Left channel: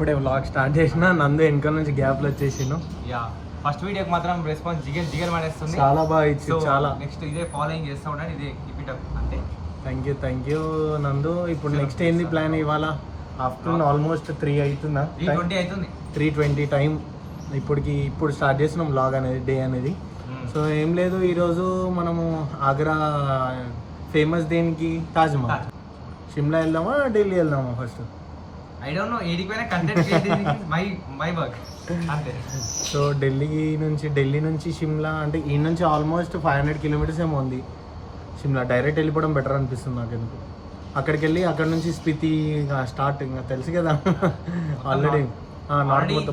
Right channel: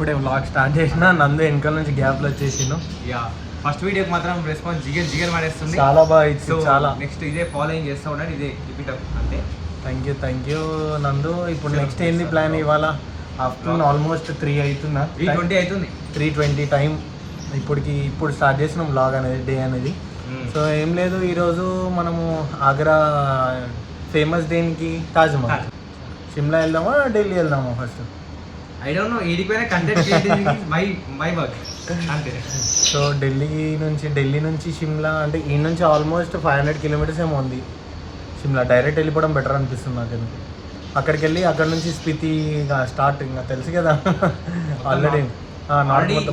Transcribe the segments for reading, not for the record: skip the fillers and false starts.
ఇప్పుడే vlog start చేసిన నందు వెనకాల నుంచి గ్యాప్లో వచ్చేసిను. యా ఫస్ట్ వీడియోకి మాత్రం రెస్పాన్స్ జిగర్ పడేస్తుంది, చాలా బాగా ఇచ్చింది. చాలా నెక్స్ట్ ఇదే ఫాలోయింగ్ చేస్తూ ఉండండి, ఇదే రిపీట్ అంటే. థ్యాంక్ యూ నందు. ఇప్పుడు నెక్స్ట్ ఏంది ప్లాన్? ఇవాళ ఆఫ్టర్నూన్ ఆల్మోస్ట్ 3 అవుతుందా? 3:20 అవుతుంది. 3:20 టైం. ఇప్పుడు స్టార్ట్ చేసినాం వ్లాగ్ అనేది, డే అనేది. సో ఏం లేదు, ఈరోజు మనము ఆగ్రా ఫేమస్ దేనికి? తాజ్మహల్. షిమ్లా వెళ్దామా ఢిల్లీ వెళ్దామా ఫస్ట్? ఐ డోంట్ నో, ఏడిపోయినా కంటెంట్ మై వర్క్ అంతే. సో ఢిల్లీ నుంచి షిమ్లా అంటే ఈ నుంచి ఆల్మోస్ట్ 500 కిలోమీటర్స్ ఏమో ఉంది షిమ్లా. డైరెక్ట్ వెళ్ళిపోవడం బెటర్ అనిపిస్తుంది నాకు ఎందుకు. అక్కడికి వెళ్ళి అక్కడ నుంచి స్పితి స్టార్ట్, ఇంకా తెలుసు కదా ఆల్రెడీ.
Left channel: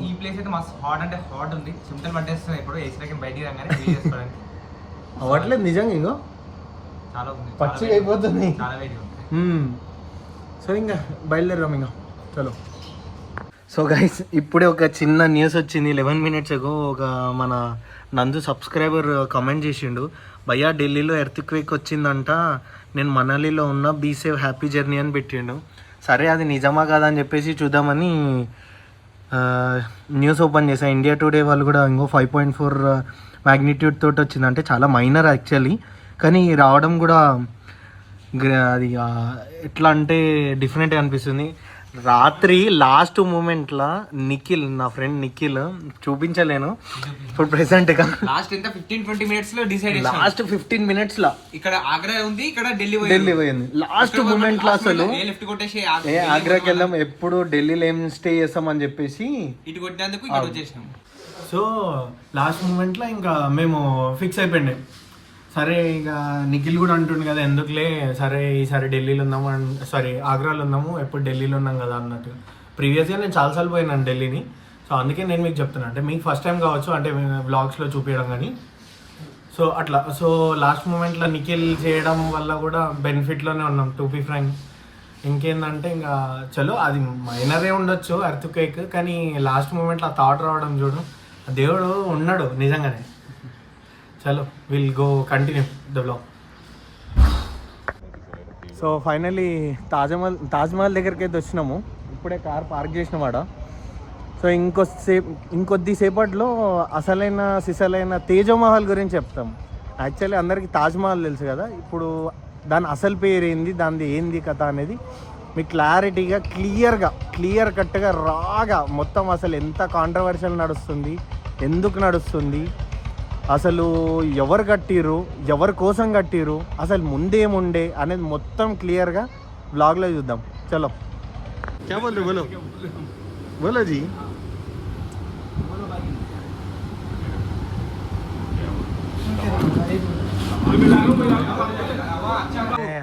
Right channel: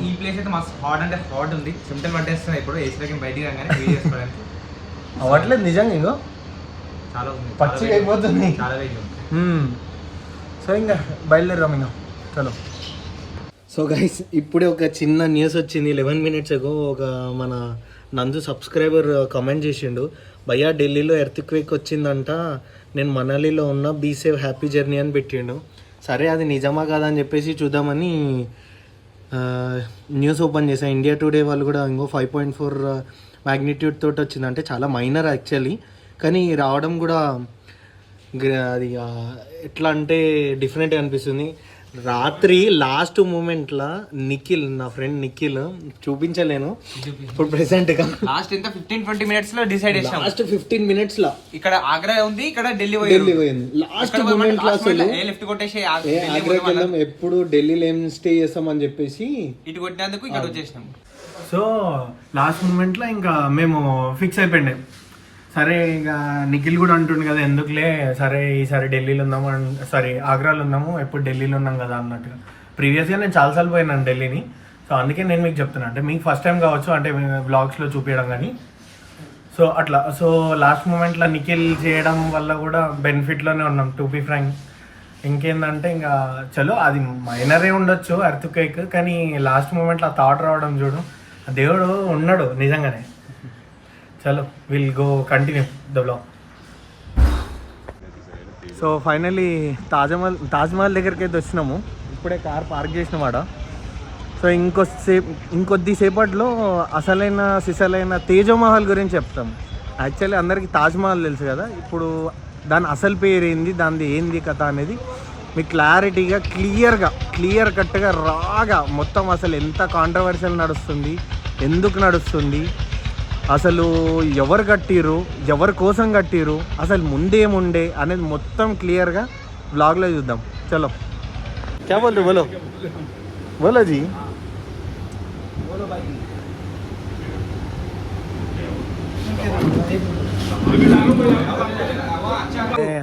ఈ ప్లేస్ అయితే మస్తు హాట్ అంటే హాట్ ఉంది, చెమటలు పట్టేస్తున్నాయి. ఇప్పుడు ఏసీలోకి బయటికి రాగానే వేడి చేసుకోవడానికి అవ్వట్లేదు నిజంగా. ఇంకో చాలా ఉంది, పచ్చిగా అయిపోతుంది, చాలా వేడి ఉంది. సో ఇంకా బయలుదేరాం ఇంకా, చలో. సో గైస్, ఇప్పుడే ఒక చిన్న న్యూస్ వచ్చింది. 11 minutes ago ఒక మన నందు సబ్స్క్రైబర్ కమెంట్ చేసిండు, భయ్యా ఢిల్లీలో ఎర్త్క్వేక్ వచ్చిందంట, నేను మనాలిలో ఉన్న, బీ సేవ్ హ్యాపీ జర్నీ అని పెట్టిండు. సరే అది నిజమా కాదా అని చెప్పేసి చూద్దామని న్యూస్ ఓపెన్ చేశాను. ఇండియా టుడే వాళ్ళు కూడా ఇంకో 5.4 మ్యాగ్నిట్యూడ్ తోటి వచ్చింది. అంటే చాలా మైనర్ యాక్చువల్లీ, కానీ రావడం కూడా అది ఎట్లా అంటే డిఫరెంట్ అనిపిస్తుంది. రాత్రి లాస్ట్ మూమెంట్లో నిఖిల్, నా ఫ్రెండ్ నిఖిల్, చూపించలేను ఇప్పుడు ప్రెసెంట్గా, లాస్ట్ ఇంత 15-20 minutes లో డిసైడ్ చేసాం. లాస్ట్ 15 minutes లో ఇక్కడ ఆగ్రా ఉంది, ఇక్కడ ఢిల్లీ పోయింది. లాస్ట్ మూమెంట్ లో అసలు లిఫ్ట్ కొట్టేసి ఆగ్రాకి వెళ్దాం, ఎప్పుడు ఢిల్లీలో ఏం స్టే చేస్తాం అని చెప్పేసి ఇటు కొట్టినందుకు ఇక్కడ వచ్చేసాం. సో లాస్ట్ మూమెంట్ లో ఇంకా మేము ఫిక్స్ అయిపోయింది. సరే ఇక నిఖిల్ కూడా అంటుండు కదా, ఎందుకులే సరే ఈసారి ఢిల్లీలో ఉందాము, ఆగ్రాలో ఉందాము, ఎప్పుడు ఢిల్లీలో ఉన్నాం కదా అన్నట్టుగా. ప్రీవియస్గా నేను చాలాసార్లు పోయినాను ఢిల్లీని. సో అందుకే నేను మీకు చెప్తున్నా, అంటే మీకు ఫస్ట్ టైం కావచ్చు, అంటే వ్లాగ్స్లో చూపించడం కానీ. సో అట్లా, సో లాస్ట్ మూమెంట్లో నిఖిల్ చేయడం వల్ల కూడా బెనిఫిట్లోనే ఉన్నాం, టు బీ ఫ్రాంక్. ఇంకేందంటే ఇంకా చలో, అది మైనరే ఉండొచ్చు ఎర్త్క్వేక్, కానీ లాస్ట్ మూమెంట్లో ఆ థాట్ రావడం చూడు, దేవుడు ఉన్నాడు నిజంగానే. చలో, will go continue the blog. So finally Taj Mahal దగ్గరికి అయితే వచ్చినాము. ఇప్పుడే కార్ పార్క్ చేసినామాట. సో ఇంకొద్దిసేపట్లో సిసలైన తేజమహల్ గురించి చెప్తాం. యాక్చువల్లీ అందరికీ తాజ్మహల్ తెలుసు కదా, ఇప్పుడు దాని అసలు పేరు ఏంది, దానిది ఏంది కథ అనేది మీకు క్లారిటీగా క్లియర్ కట్గా రాగా మొత్తం అసలు ఎంత కాంట్రవర్షియల్ నడుస్తుంది, ఎందుకు నడుస్తుంది, అసలు ఎవరు కట్టిరు, ఎవరి కోసం కట్టిరు, అసలు ముందేముండే అనేది మొత్తం క్లియర్గా బ్లాగ్లో చూద్దాం. చలో, క్యా బోల్ రहे बोलो जी.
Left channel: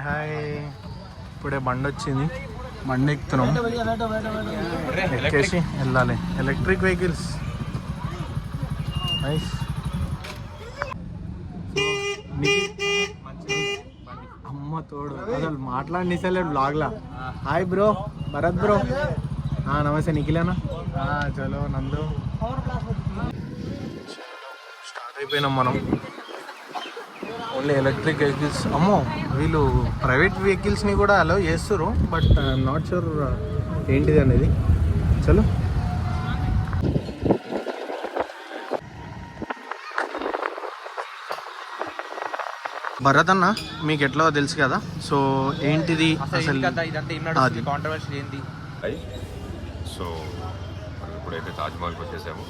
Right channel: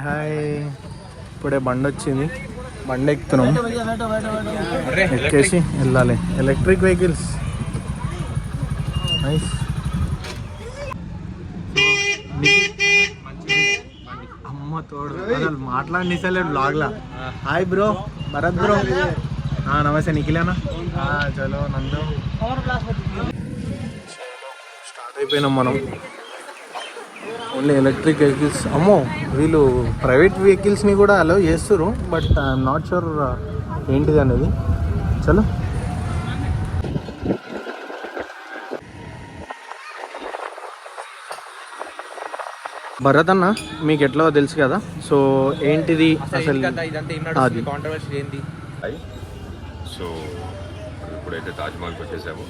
హాయ్, ఇప్పుడే బండి వచ్చింది, బండి ఎక్కుతున్నాం, ఎక్కేసి వెళ్ళాలి. Electric vehicles nice. అమ్మ తోడు అసలు మాట్లాడిసలేడు బ్లాగ్లా. Hi bro, Bharat bro. Namaste నిఖిలేనా. చలో నందు, స్టార్ట్ అయిపోయినాం మనం. Only electric vehicles. అమ్మో, వీళ్ళు ప్రైవేట్ వెహికల్స్ని కూడా అలౌ చేస్తారు, బట్ ఐఎమ్ నాట్ షూర్ ఏంటిది అనేది. చలో, భరత్ అన్న మీకు ఎట్లా తెలుసు కదా, సో ఏంటిది అసలు అది సో ఇప్పుడైతే తాజ్మహల్కి వచ్చేసాము.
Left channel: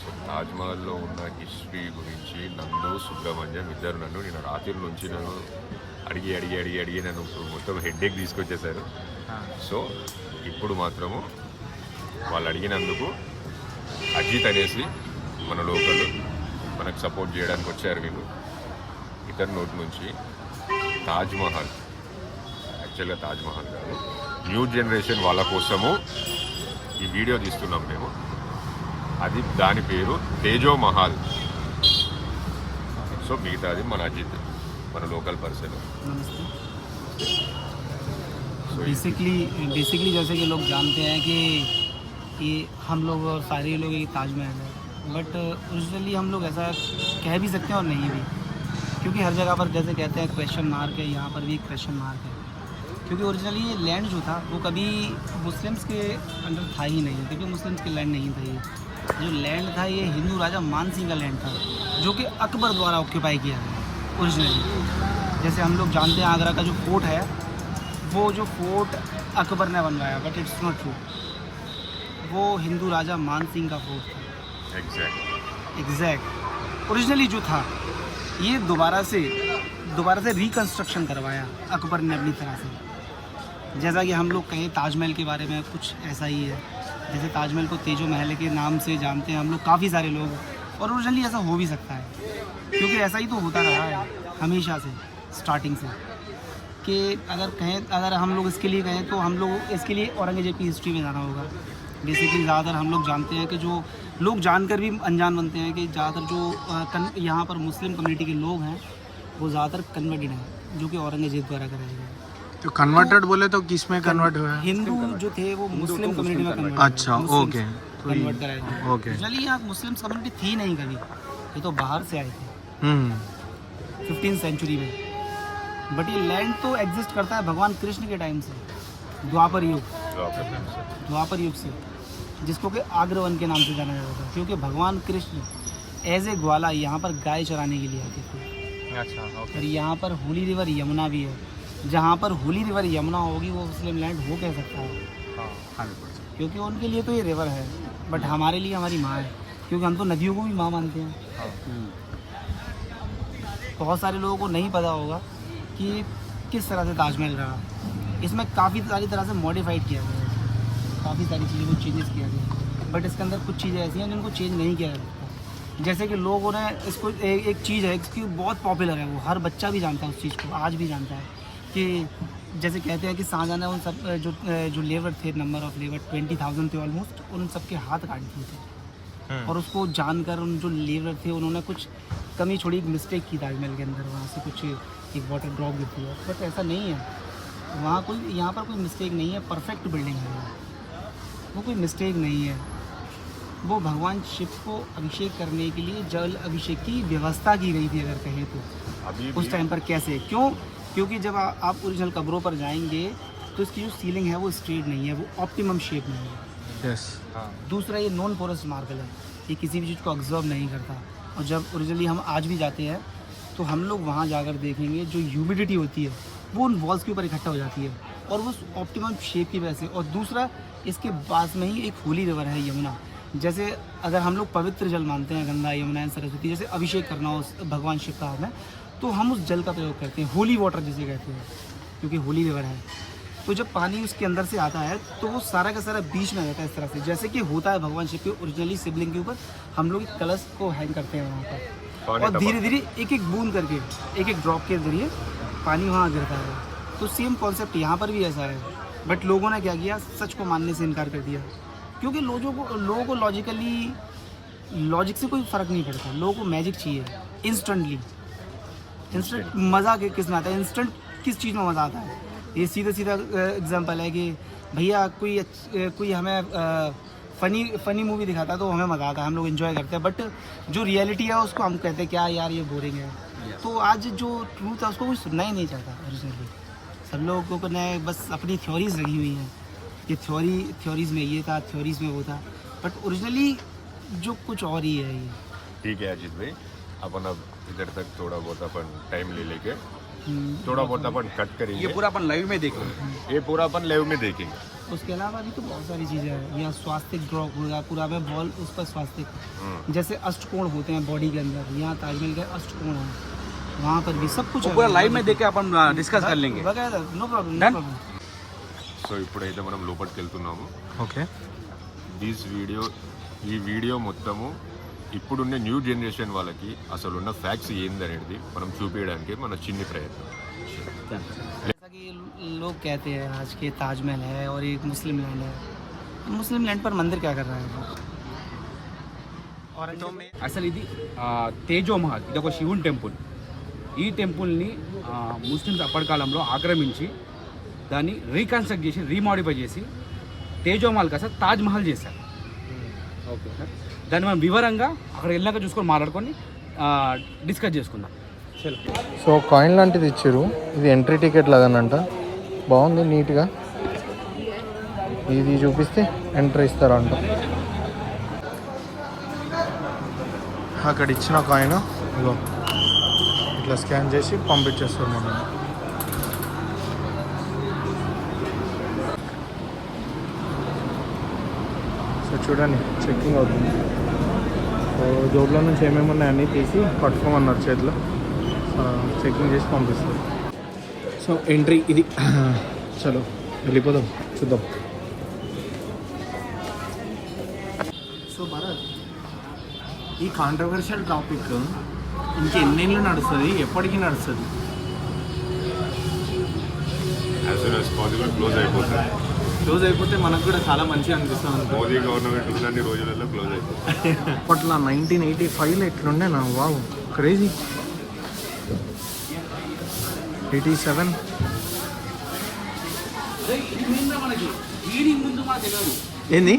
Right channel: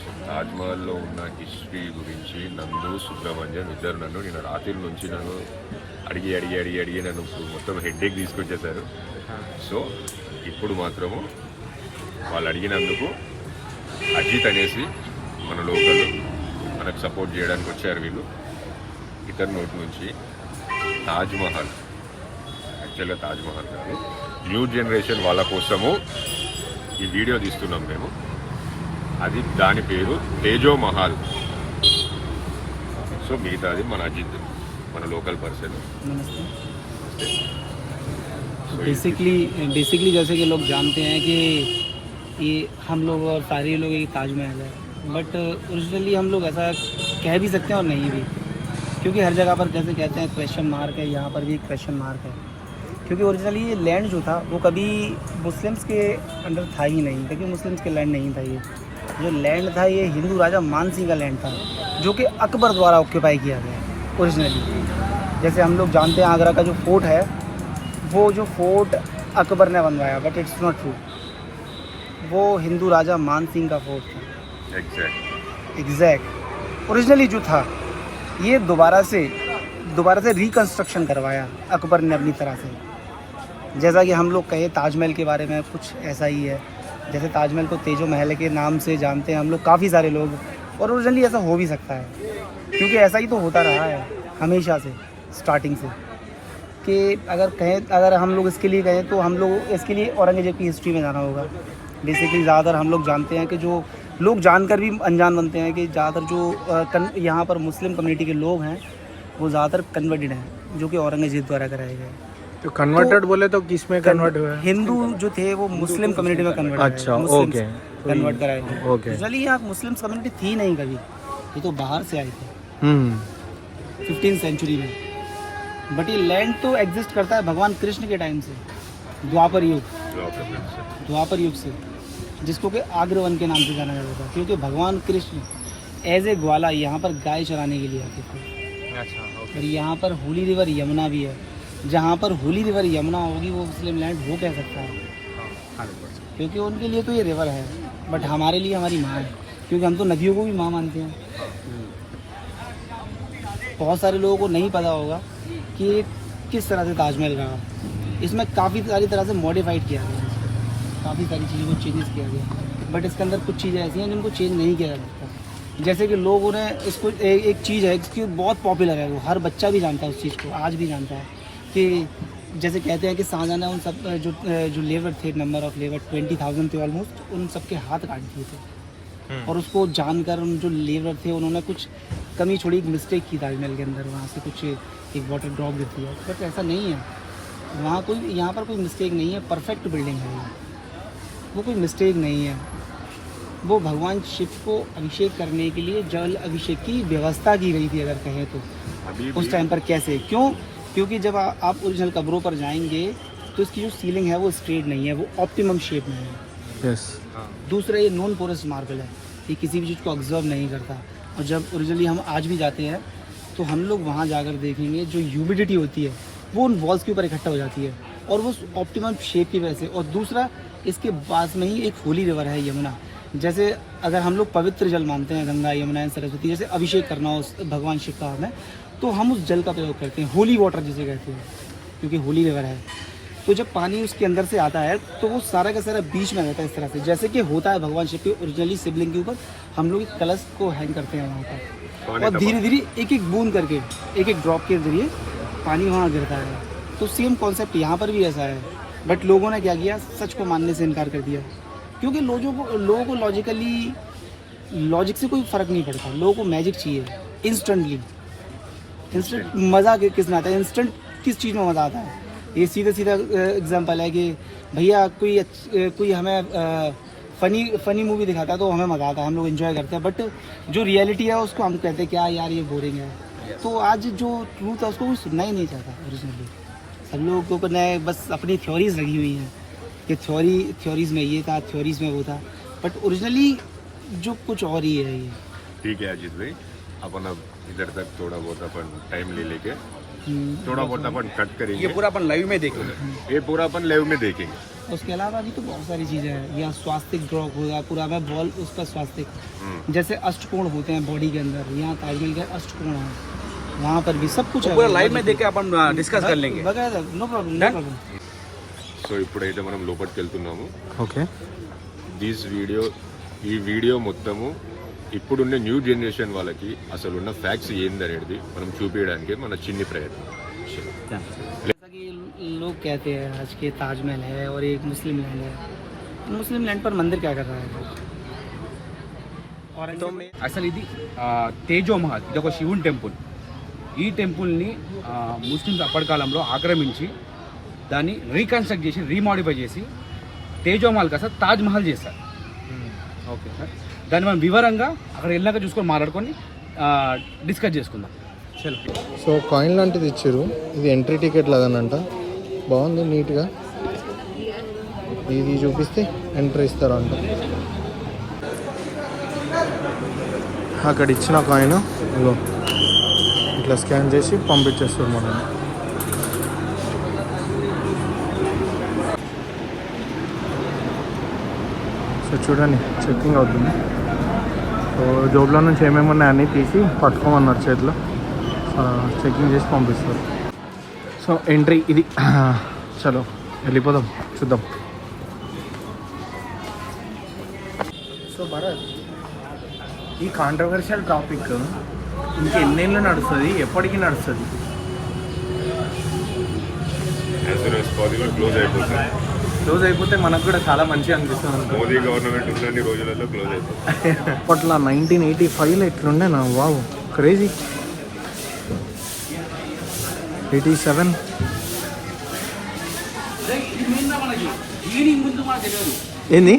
సో తాజ్మహల్లో ఉన్న హిస్టరీ గురించి నందు, సుబ్రహ్మణ్యం ఇద్దరు నిన్న రాత్రి నుంచి అడిగి నన్ను ఇప్పుడు మొత్తం హెడ్ఏక్ తీసుకొచ్చేసారు. సో ఇప్పుడు మాత్రము వాళ్ళు అడిగినందుకు అజిత్ అనేసి మన లోకల్ మనకు సపోర్ట్ చేయడానికి వచ్చారు వీళ్ళు. ఇతని నోటి నుంచి తాజ్మహల్, యాక్చువల్గా తాజ్మహల్ కాదు, న్యూ జనరేషన్ వాళ్ళ కోసము ఈ వీడియో తీస్తున్నాం మేము. అది దాని పేరు తేజో మహల్. సో మిగతాది మన అజిత్, మన లోకల్ पर्सन. बेसिकली जैसे कि लोग जानते हैं कि हम लोग और सारे लोग ये ताजमहल है, बट ओरिजिनली हम लोग ऐसा कह भी सकते हैं और नहीं भी, क्योंकि हर जगह पर जैसे कहते हैं क्वेश्चन मार्क है, यहाँ पर भी क्वेश्चन मार्क है. क्योंकि ओरिजिनली ये लैंड जो था वो कभी मुस्लिम्स के अंडर था ही नहीं, कभी मुस्लिम्स के लैंड नहीं था। ये जो लैंड था ये हिंदू राजा मान सिंह का लैंड था, जो कि अकबर द्वारा ऑक्यूपाई किया गया ओरिजिनली। जैसे हम लोग जानते हैं आगरा का जो फोर्ट है, वो जो फोर्ट अकबर ने बनवाया, बट इट्स नॉट ट्रू, वो हिंदू राजा मान सिंह का फोर्ट था। एग्जैक्ट ओरिजिनली जो था ये दोबारा से रिकंस्ट्रक्शन करवाया अकबर ने अपनी तरह से। जैसा कि हम लोग कहें ताजमहल के बारे में कुछ ऐसा ही है, जैसे ताजमहल को तेजो महल के नाम से जानते हैं हम लोग काफ़ी सारे लोग, और ओरिजिनली ऐसा हो भी सकता है क्योंकि ऐसा ही तो होता रहा है हमेशा से, स्टार्टिंग से। कि अगर हम लोग इसके लिए कहें तो हम लोग इसके लिए औरंगजेब की हिस्ट्री में जाना होगा। बेसिकली ज़्यादातर हम लोग जानते हैं कि जो लोग जानकर भी अनजान बनते हैं कि ज़्यादातर जो यहाँ पर मुस्लिम कम्युनिटी के लोग हैं वो ज़्यादातर कन्वर्टेड हैं, जो कि औरंगजेब द्वारा कराए गए। तो कन्वर्टेड बोले तो किस में कन्वर्ट हुआ? हिंदू जो थे वो मुस्लिम कम्युनिटी में कन्वर्ट। अच्छा, ओके, कन्वर्ट कराए गए। ओके। चलिए यहाँ मुस्लिम कम्युनिटी थी नहीं कभी, ये तो बाहर से आए थे 15th सेंचुरी में। बट ये लैंड तो एग्जिस्ट करता है भगवान कृष्ण के टाइम से, द्वापर युग से, जिसको कि आग्रवन के नाम से जाना जाता था, क्योंकि भगवान कृष्ण एज ए ग्वाला यहाँ पर गाय चराने के लिए आते थे। और यहाँ पर होली रिवर यमुना भी है, जहाँ पर होली रिवर यमुना होगी वो मुस्लिम लैंड हो कह सकता है, क्योंकि उनके लिए तो ये रिवर है, बट हमारे लिए हमारी माँ है, क्योंकि हम तो नदियों को भी माँ मानते हैं। बहुत सारे लोगों को नहीं पता होगा कि किस तरह से ताजमहल रहा, इसमें काफ़ी सारी तरह से मॉडिफाइड किया गया, काफ़ी सारी चीज़ों को चेंजेस किया गया, बट इसके अंदर कुछ चीज़ें ऐसी हैं जिनको चेंज नहीं किया जा सकता। जैसे कि लोगों ने इसको एक चीज़ है इसकी बहुत पॉपुलर है, वो हर बच्चा भी जानता है उस चीज़ को, आज भी जानता है कि जैसे कहते हैं कि शाहजहां ने उन सब जो लेबर थे, नंबर ऑफ लेबर 20,000 थे ऑलमोस्ट, उन सबके हाथ काट दिए थे। और उसको जानकर उन जो लेबर थे उन्होंने कुछ कमी छोड़ी, एक मिस्टेक की ताजमहल के अंदर, वहाँ से कुछ एक वाटर ड्रॉप गिरती है, बट ऐसा नहीं है, यहाँ पर कोई मिस्टेक नहीं है, परफेक्ट बिल्डिंग है वो कोई मिस्टेक नहीं है। वो भगवान शिव को अभिषेक करने के लिए जल अभिषेक की व्यवस्था की गई थी, अगर कहें तो उस टाइम पर कैसे, क्यों? क्योंकि जब आप ओरिजिनल कब्रों पर जाएंगे तो इसकी जो सीलिंग है वो स्ट्रेट नहीं है, वो ऑप्टिमम शेप में है। दूसरा ये नॉन पोरस मार्बल है, ये किसी भी चीज़ को ऑब्जर्व नहीं करता। और जब ओरिजिनली हम आज भी जाते हैं तो हम लोग वहाँ जाकर देखेंगे जो ह्यूमिडिटी होती है वो उन वॉल्स के ऊपर इकट्ठा हो जाती है, और वो ऑप्टिमम शेप की वजह से। और दूसरा इसके पास में ही एक होली रिवर है यमुना, जैसे अगर हम लोग पवित्र जल मानते हैं गंगा यमुना सरस्वती, जैसे अभिषेक करना हो भगवान शिव का हमें, तो हम उस जल का प्रयोग करते हैं, होली वाटर जिसे कहते हैं, क्योंकि होली रिवर है। तो जब पानी उसके अंदर से आता है तो वो सारा का सारा बीच में रहता है, इस तरह से जैसे कि होता है भगवान शिव के ओरिजिनली शिवलिंग के ऊपर हम लोग एक कलश को हैंग करते हैं वहाँ पर, और धीरे धीरे एक एक बूंद करके, एक एक ड्रॉप के जरिए पानी वहाँ गिरता है। तो सेम कॉन्सेप्ट यहाँ पर भी ऐसा है, बट लोगों ने क्या किया, सच को मानने से इनकार कर दिया, क्योंकि लोगों को लॉजिक से कोई फ़र्क नहीं पड़ता, लोगों को मैजिक चाहिए, इंस्टेंट मज़ा किस में आता है, इंस्टेंट किस चीज़ में मज़ा आता है। ये सीधा एग्जांपल है कि भैया कोई हमें फ़नी मूवी दिखाता है तो हमें मज़ा आता है, हम लोग एंजॉय करते हैं, बट जो रियलिटी है उसको हम कहते हैं क्या यार ये बोरिंग है। तो आज जो ट्रूथ है उसको कोई सुनना ही नहीं चाहता ओरिजिनली, सब लोगों ने बस अपनी थ्योरीज लगी हुई हैं कि थ्योरीज में ये था, थ्योरीज में वो था, बट ओरिजिनली जो कुछ और ही है ये। ठीक है अजीत भाई, अपन अब इधर तक थोड़ा बहुत अपन टाइम ले लेके थोड़ा बहुत अपन कट करेंगे, ये पूरा अपन लाइव में देखेंगे, ये पूरा अपन लाइव में देखेंगे। उसके अलावा भी तो बहुत सारी चीज़ें हैं, यहाँ स्वास्तिक ड्रॉ होगा पूरा में बॉल, उस पर स्वास्तिक जैसे अष्टकोण होते हैं बॉडी के अंदर, यहाँ ताजमहल के अष्टकोण है, वहाँ पर भी सब कुछ है, पूरा लाइव में देख के अपन डिस्कस कर लेंगे, नो प्रॉब्लम। సో ఇప్పుడైతే మనం లోపలికి వెళ్తున్నాము. ఓకే, ఈ వీడియో మొత్తము ఇప్పుడున్న న్యూ జనరేషన్ వాళ్ళకి అసలు ఉన్న ఫ్యాక్ట్స్ ఏందనేది మనం చూపించడానికి మన చిన్ని ప్రయత్నం. जैसा कि लोग कहते हैं आज के ताजमहल है और एक मुस्लिम लैंड है, मुस्लिम लैंड पर मंदिर क्या कर रहा है? और అసలు ఇది తేజో మహల్, ఇది ఒక శివుని టెంపుల్. ఈ టెంపుల్ని ముస్లిమ్స్ అప్పటి కాలంలో ఆక్రమించి దాన్ని రీకన్స్ట్రక్ట్ చేసి రీమాడిఫై చేసి తేజో మహల్ కాస్త తాజ్ మహల్ చేశారు. ఓకే సార్, దాన్ని మనం వివరంగా అక్కడ వెళ్ళాక చూసుకొని మాట్లాడుకొని డిస్కస్ చేసుకుందాం. సో కాయిన్ లాంటిది ఇచ్చారు, ఇది ఎంట్రీ టికెట్ లాగానంట. బాగుంది నీట్గా. ఇది చూపిస్తే ఎంట్రీ ఇస్తారంట. అక్కడ ఇచ్చిన కాయిన్ ఇగో ఇట్లా స్కాన్ చేసి పంపించేస్తారు మనం. సో చూడండి చెక్కింగ్ అవుతుంది. జోబులో నుంచి ఏమేమి ఉన్నాయి అన్నీ తీసి పట్టుకోమన్నారు చేతిలో. చెక్కింగ్ చేసి పంపిస్తారు. సో ఎంట్రీ ఇది. చలో వెళ్ళిపోదాం, చూద్దాం. సో భరత్, ఈ కాంట్రవర్షియల్ టాపిక్ ఇంకా ఎన్నేళ్ళు నడుస్తుంది, ఎప్పటికీ నడుస్తుంది? As soon as possible close అయిపోతుంది. క్లోజ్ అయిపోతే మనకు కూడా చాలా మంచిగా అనిపిస్తుంది. మోదీ గవర్నమెంట్ ఉన్నన్ని రోజులలో క్లోజ్ అయిపోతుంది. అప్పట్లో 1985లో ఎట్లుండే నా, వావ్ క్రేజీ. 87 ఏంది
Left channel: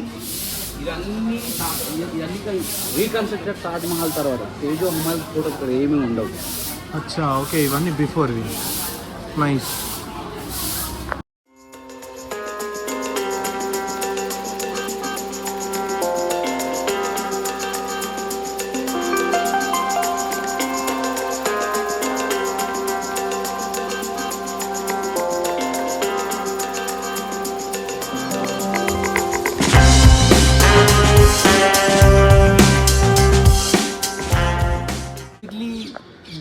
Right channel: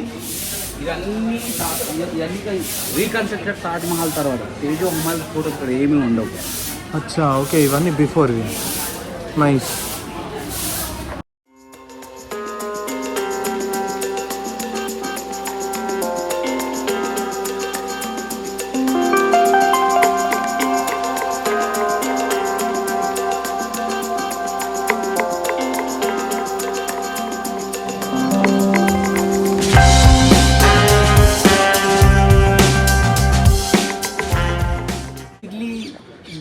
ఇవన్నీ రీకన్స్ట్రక్టెడ్ తాజ్ మహల్ తర్వాత తేజో మహల్ ఫోటో ఏమీ ఉండవు. అచ్చా ఓకే, ఇవన్నీ బిఫోర్వి. నైస్.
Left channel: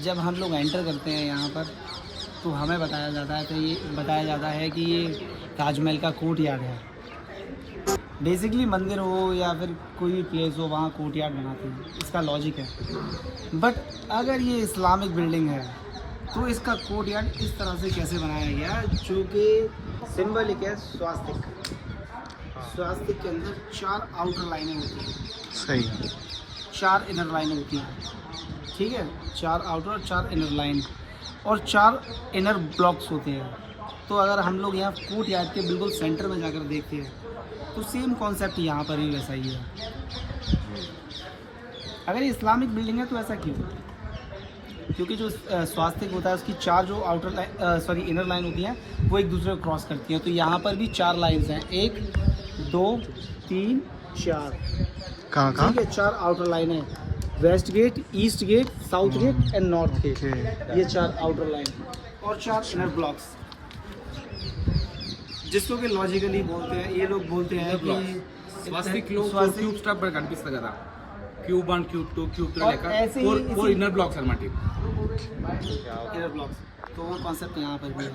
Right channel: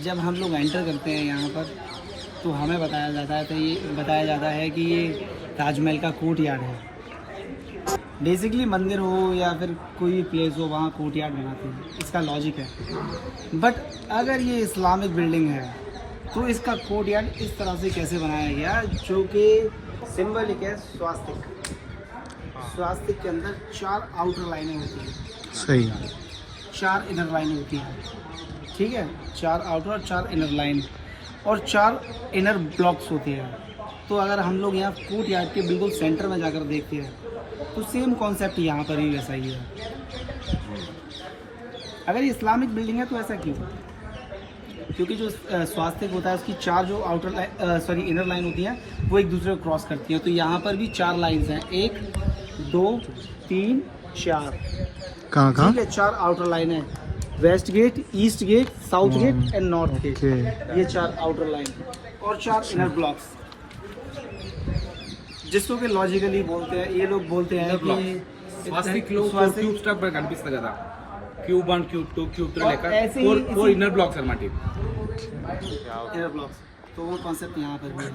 जब हम लोग एंटर करते हैं यहाँ पर तो हमें बताया जाता है कि ये ताजमहल का कोर्ट यार्ड है. बेसिकली मंदिर हो या फिर कोई प्लेस हो, वहाँ कोर्ट यार्ड बनाते हैं. इसका लॉजिक है. बट अगर ये इस्लामिक बिल्डिंग है तो इसका कोर्ट यार्ड इस तरह से कैसे बनाया गया, जो कि सिंबलिक है स्वास्तिक. स्वास्तिक के अंदर 4 आउटर लाइनें होती हैं. सही. 4 इनर लाइनें होती हैं. ठीक है, 4 आउटर और 4 इनर लाइन और 4 इनर ब्लॉक्स होते हैं. तो अगर हम लोग यहाँ कोर्ट यार्ड के बिल्कुल सेंटर में जाकर देखते हैं तो सेम कॉन्सेप्ट यहाँ पर भी वैसा ही है. अगर ये इस्लामिक बिल्डिंग है तो ऐसा क्यों? क्योंकि जो स्वास्तिक होता है उसकी 4 जो आउटर लाइन इनर लाइन होती हैं वो एक दूसरे को क्रॉस करती हैं. तो यहाँ पर भी 4 लाइन्स हैं, 1 2 3 4. कहाँ कहाँ? ठीक है, 4 आउटर लाइन है. West gate, east gate, south gate and north gate. ये 4 आउटर लाइन और 4 इनर ब्लॉक्स, जिसको कि लॉजिकली बोलते हैं. ये लोग बोलते हैं कि స్వాస్తిక్లో 4 క్యూబ్ స్ట్రక్చర్ కనిపిస్తుంది కదా, క్యూబ్ 1 క్యూబ్ 2 క్యూబ్ 3 లెక్క ऐसे ही 4 ఇన్నర్ బ్లాక్స్ అన్నమాట. Inner blocks. तो वो कॉन्सेप्ट यहाँ पर भी है.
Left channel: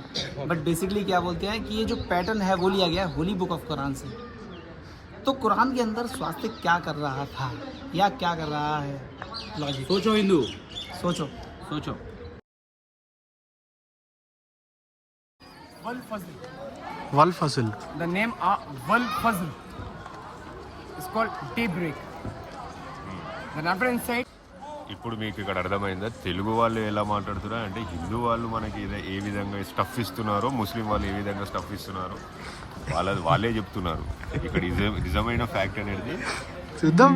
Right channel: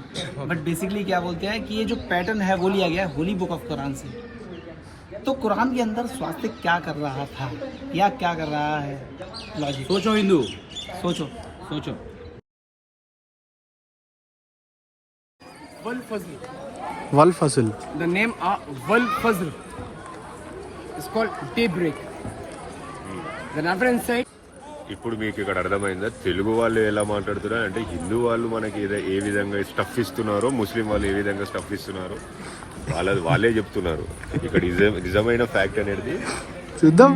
बट बेसिकली क्या बोलते हैं कि ये जो पैटर्न है वो लिया गया है होली बुक ऑफ कुरान से. तो कुरान के अंदर स्वास्तिक क्या कर रहा था या क्या कर रहा है, लॉजिक సోచో హిందూ, सोचो. సోచో. వల్ Fazal. The name Wal Fazl is called daybreak. The reference site. ఇప్పుడు మీకు ఇక్కడ అర్థమైందా తెలుగు వాళ్ళు ఎలా మాట్లాడుతున్నారు అంటే హిందూ వాళ్ళు మనకి ఏ విధంగా స్టఫ్ ఇస్తున్నారో ముస్లిం వాళ్ళు ఏ విధంగా స్టఫ్ ఇస్తున్నారో వాళ్ళే చెప్తున్నారు. ఇక్కడ నిజమైన ఫ్యాక్ట్ అనేది చూద్దాం.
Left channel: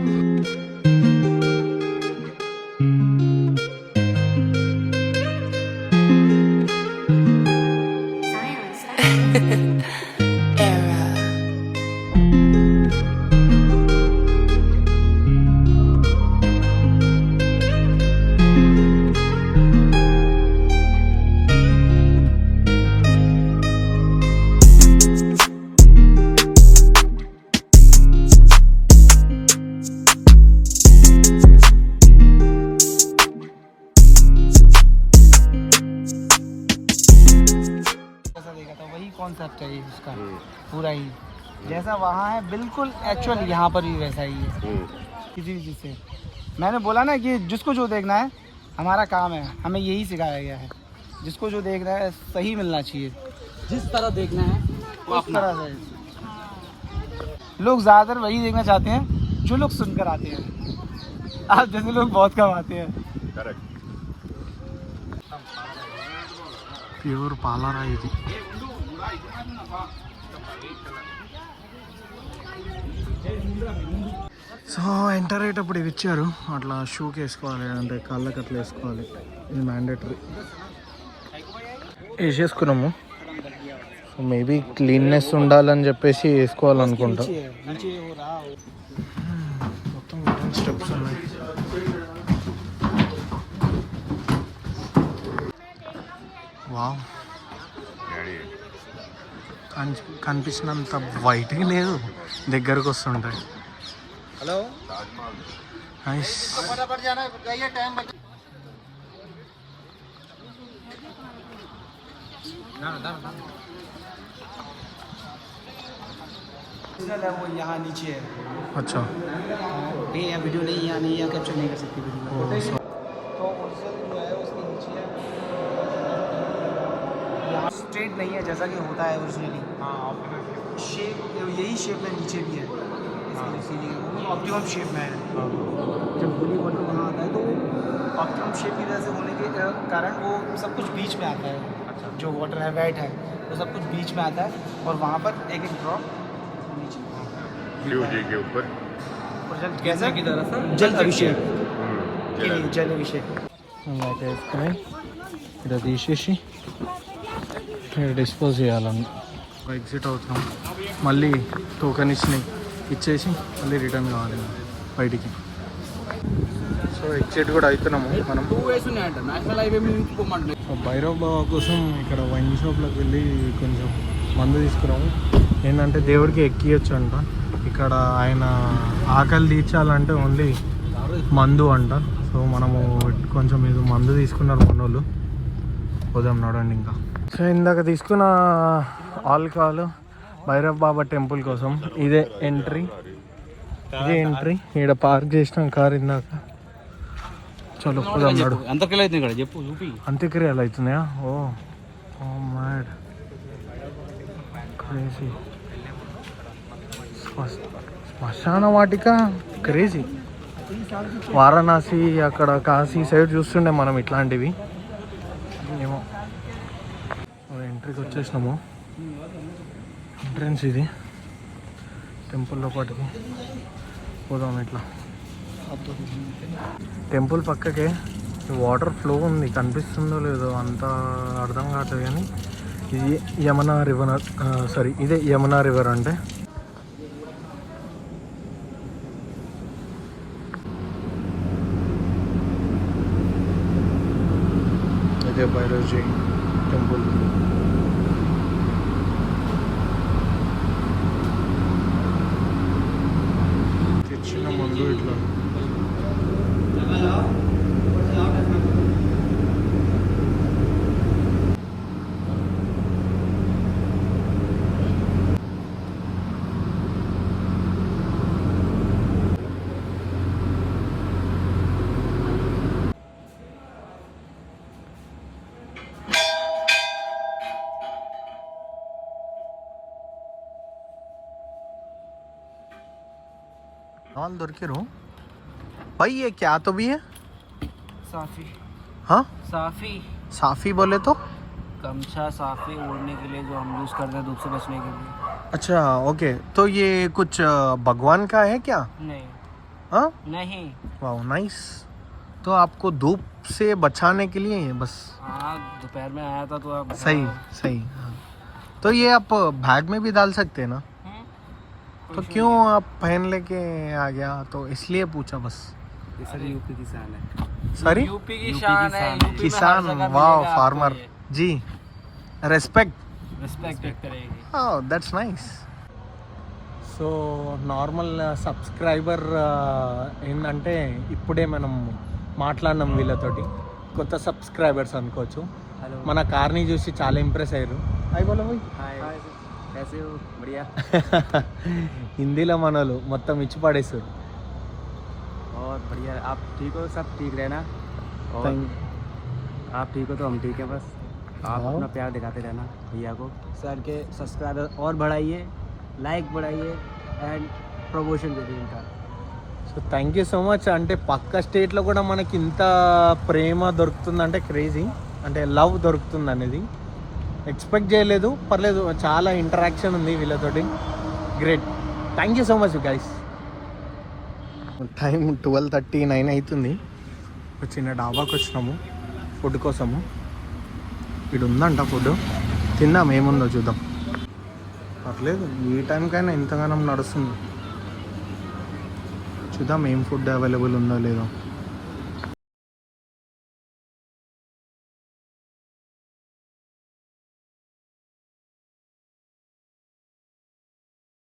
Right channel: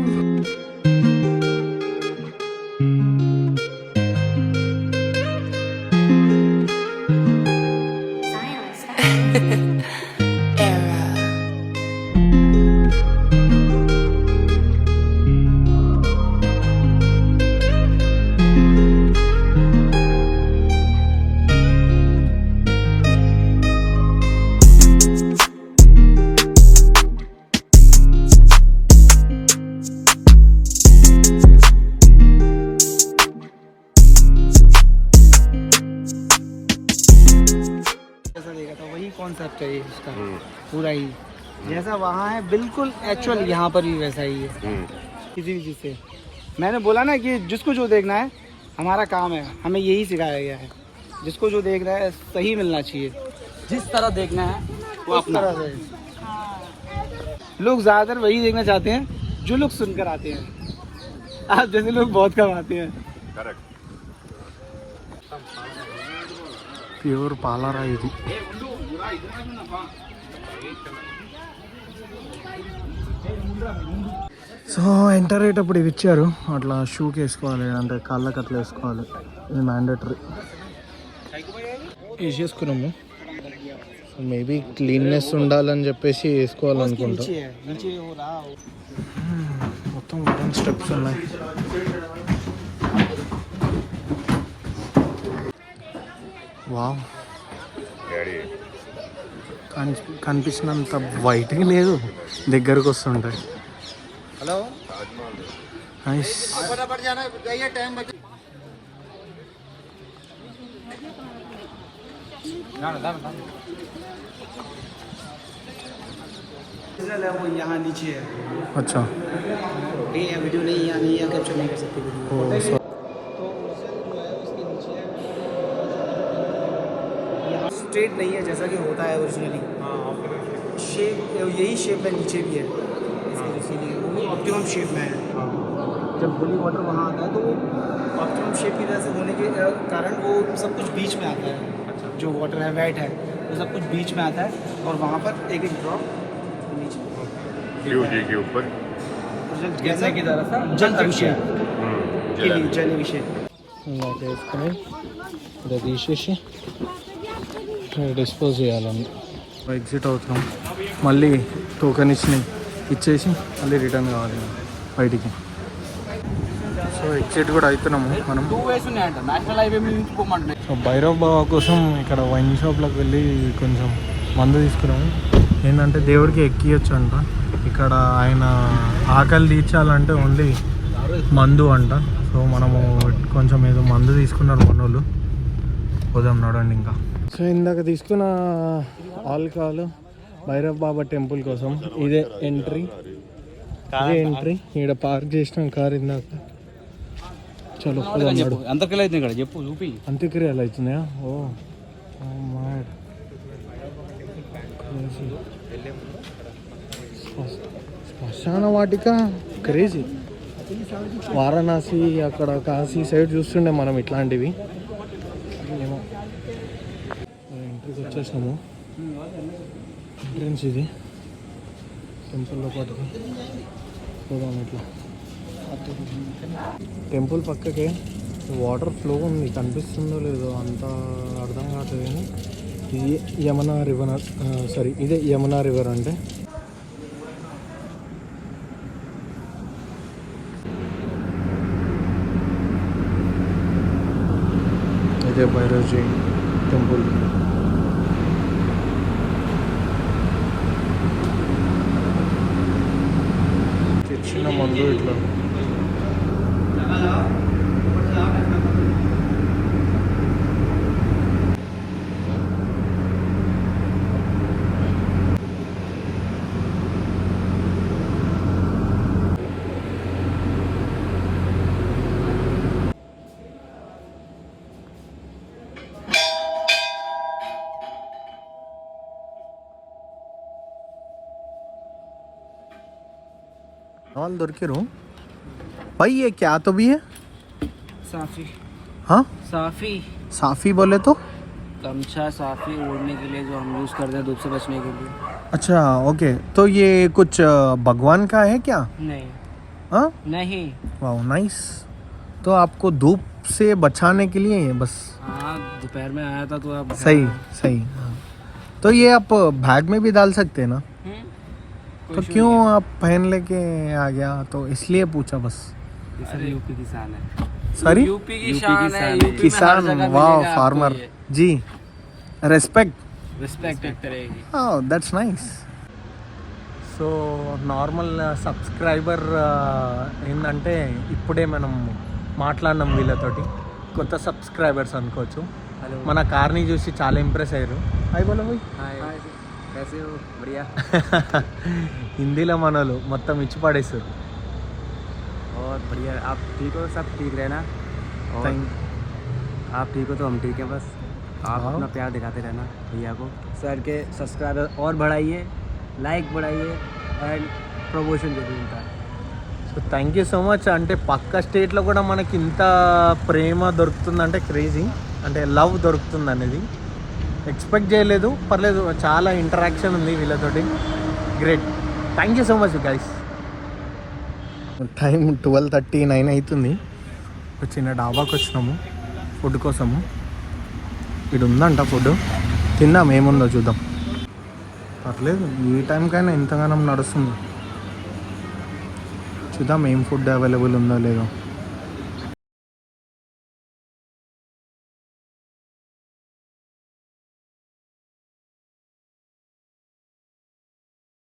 कॉन्सेप्ट है ये इसका पूरा ही जैसा वहाँ है बिल्कुल एक्चुअल यहाँ पर भी वैसा ही है. किसी भी चीज़ से मैंने बोला ना कि जिसको जो देखना है हमारा काम है, हमें यही सिखाया गया है. जिसको जो देखना है सही मिलना चाहिए, जिस तरह देखना है वो अपना है. लोग ज़्यादातर वही देखना चाहते हैं जो लोग सुनकर आते हैं. आप जैसे लोग बहुत कम आते हैं. ప్యూర్ పాలరా ఇది. సో ఎంటర్ అయ్యేటప్పుడు ఇవి ఇచ్చారు, అట్లా షూకి వేసుకోవాలి, అంటే కాళ్ళకి అట్లా వేసుకోవాలి. ఇది మ్యాండేటరీ. వేసేసుకున్నాము. సో మేబీ క్లీన్నెస్ ఉండాలని చెప్పేసి వేసుకోవాలనుకుంటా. नीचे हो रहा మొత్తం వుడెన్ స్టెప్స్ ఉన్నాయి. వావ్, డాడీ కనిపించినంత వైట్గా లేదు, దగ్గరకు వస్తుంటాయి. నైస్. यहाँ नीचे है. अच्छा, ये वीडियो नहीं यहाँ नहीं है, कैप्चर नहीं कर सकते वीडियो. तो तो ओरिजिनल जो है उसके नीचे यहाँ स्ट्रेट नहीं है जैसा कि होता है ओरिजिनली. शेप यही शेप में नीचे भी है, इस वजह से ये वो ऑप्टिमम शेप में है. जब होली वाटर वहाँ आता है तो वो ऑप्टिमम शेप की वजह से होने के कारण वो सब कुछ बीच में आता है. जो वाटर है वेट है वो सब कुछ बीच में आता है और वहाँ पर एक एक ड्रॉप नीचे. के ऊपर और जल गिरने की तरह सर जल अभिषेक के लिए जल अभिषेक. ఇందాక వేసుకుని ఇలా తీసేసి ఇక్కడ డిస్పోజ్ చేయాలని ఎగ్జిట్ అవుతున్నాం. మళ్ళీ టోకెన్ ఇచ్చేసి మళ్ళీ రిటర్న్ కావాలి బయటికి. సో ఎగ్జిట్ కూడా అవుతున్నాం మనం. నేషనల్ హైవే మీద నుంచి పోమంటున్నాయి. సో భైరవ్ బాబా కోసం ఇక్కడ వైన్ షాప్లోకి వెళ్ళి కొంచెం మందు తీసుకున్నాము. ఏంటంటే దేవుడికి ఎక్కియచ్చు అంట. ఇక్కడ ఆయన ఆకలి తీర్చాలంటే ఓన్లీ మందు అంట. సో మనము కొంచెం ఏదో మందు తీసుకున్నారు మనోళ్ళు. పోదాం నడండి ఇంకా. సో ఇందాక తీసుకున్న ఆల్కహాల్ భైరవ్ బాబా టెంపుల్ కోసం ఇదే ఎంట్రీ. ఇక్కడ పార్క్ చేసిన కార్ ఇందాక. చలో పోదాం నడు. అంతకెళ్ళి అవుతుంది ఇక్కడ చెప్పు చూపి. అంత్యక్రియలు అవుతున్నాయా? ఓ మ్యాడ్ క్రేజీ. శ్మశాన వాటిక క్రేజీ. వారణాసి అక్కడ కాశీ సైడ్ చూస్తుండే మనం ఇట్లాంటివి. ఏమో ఎంట్రీకి వచ్చేసినాము. ఎంట్రన్స్ ఇది టెంపుల్ లోపటికి. పోదాం ఇట్లా. టెంపుల్ పక్కకే వాటర్ ఫ్లో ఉంది, కనిపిస్తుందో లేదో అంత అర్థం కావట్లేదు. కానీ ఇది యమునా రివర్, ఇదే యమునా రివర్ అంటే. ఇదే భైరవ్జీ టెంపుల్. తెచ్చిన మందు ఇట్లా వాళ్ళు దొరికారు. भाई ये क्या तो भी है? साफी. हाँ, साफी साफी बोले तो? गमछा साफी ओढ़ने के लिए जो हम यूज़ करते हैं धूप से बचने के लिए. अच्छा ओके. तो ये कुछ भगवान का है क्या? नहीं. हाँ, नहीं. वाह नाइस. तो आपको धूप से बचाने के लिए है बस. हाँ, दोपहर में आया था तो आप. सही सही. हाँ. तो ये आप बैग में भी डाल सकते हैं ना? तो क्यों आप पहन लेके आ गया? तो इसलिए पूछा बस. यूपी किसान है. सॉरी, यूपी की शान है. यूपी में हर किसान. जगह वाह, मिलेगा आपको फार्मर ये. जी. రెస్పెక్ట్. करेगी. That's nice. So normal subscriber ఏంటంటే ఇప్పుడే మనం మాట్లాడినాం వీళ్ళతోటి. కొత్త సబ్స్క్రైబర్స్ అనుకోవచ్చు. మన కార్ని చూసి చాలా ఇంప్రెస్ అయ్యారు. హాయ్ బోలో భాయ్. హిందీలో మనోళ్ళు మొత్తం ఇచ్చి పడేస్తారు. और बढ़िया, आप ठीक हो? सब ठीक रहना. और आप ठीक हो तो हम ठीक है. बस आप अपना प्यार दिखाते रहना भैया को. सर के सब्सक्राइबर और बढ़ाइए, लाइक बढ़ाइए एंड प्रमोशन जो भी उनका. So thank you so much. అంటే పక్క స్టేట్లో కూడా మనకి ఇంత ప్రేమ దొరుకుతుందంటే క్రేజీ. అంటే లవ్ దొరుకుతుంది అనేది ఎక్స్పెక్ట్ చేయలేదు. పర్లేదు, చాలా ఇంటరాక్షన్ ఉంది వీళ్ళతోటి. Great. Thank you so much guys. Time 12:39 అవుతుంది. ఒక చిన్న డాబాకి వచ్చినాము ఫుడ్ కోసము. ఇక్కడ ఉందంట ఫుడ్. తిందాం, ఏముందో చూద్దాం. పర్లేదు ఈ టైంకైనా ఎంతగానో నడుస్తుంది. చూద్దాం ఏం ఫుడ్ అవైలబుల్ ఉందో లేదో.